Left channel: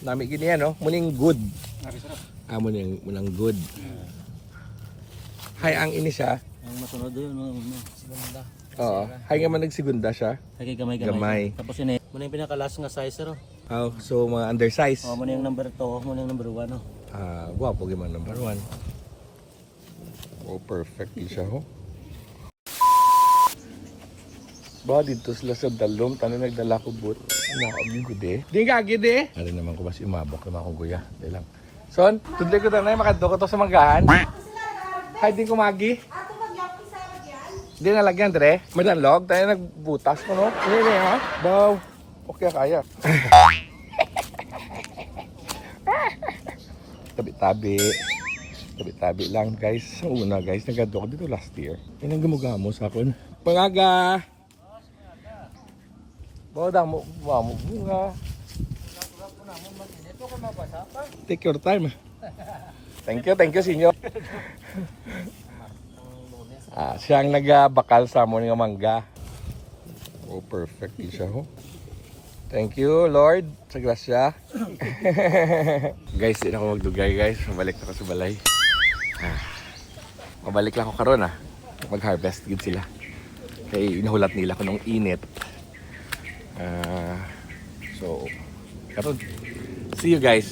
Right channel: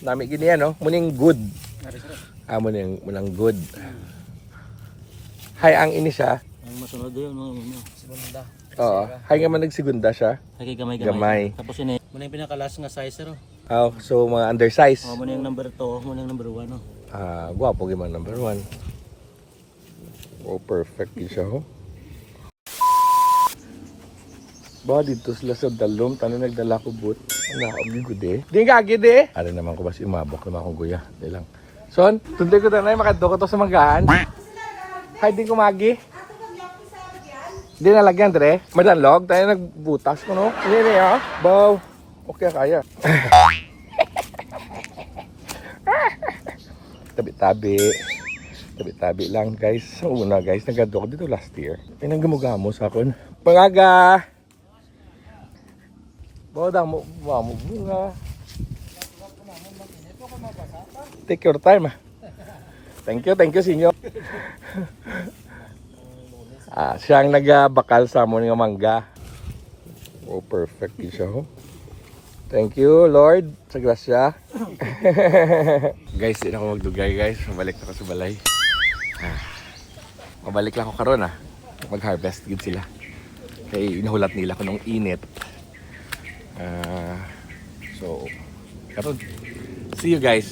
Nami gini no. Muning good. Munang good. Hay ang ini siya. Ang masunod yun, segunda. Oo. Hay nga man nagsigunda siya. Hay gamay. Tapos yun muna yung pinakalas nga size ro. So mga undersize. Muna yung number 2, muna yung number 1 no. Guwapo gyud number 1. Oh, perfect siya ho. Ba dito sila sa dalom, tanong nagdala ko but. Ano gud eh. Di nga gid eh. Ari naman ko basi umabak ko na akong guya. Ilang. Son, tunde ko na makadto ko to sa manggahan. Hay din ko magi. Ato magyapon sa lagyan. Hindi nalagyan dre. Madalog tayo nagbutas no. Ano ya? Bow. Okay kaya. Tabi lang guys. So una guys, nagado ko dito last year. Pinang gamugamo sa akon. Pangaga. Bodang mo bunga. Take your time. Thank you sinyo. Siyang nagbakal sa mo ng mangga. Oh, perfect siya. Thank you, Lord, sa grasya. Guys, di na ako magdugay, guys. Mabalik na ako sa balay. Mabalik lang ako karon mag-harvest gid sila. Kaya inahulat nila ko nung init. So, karon. See you guys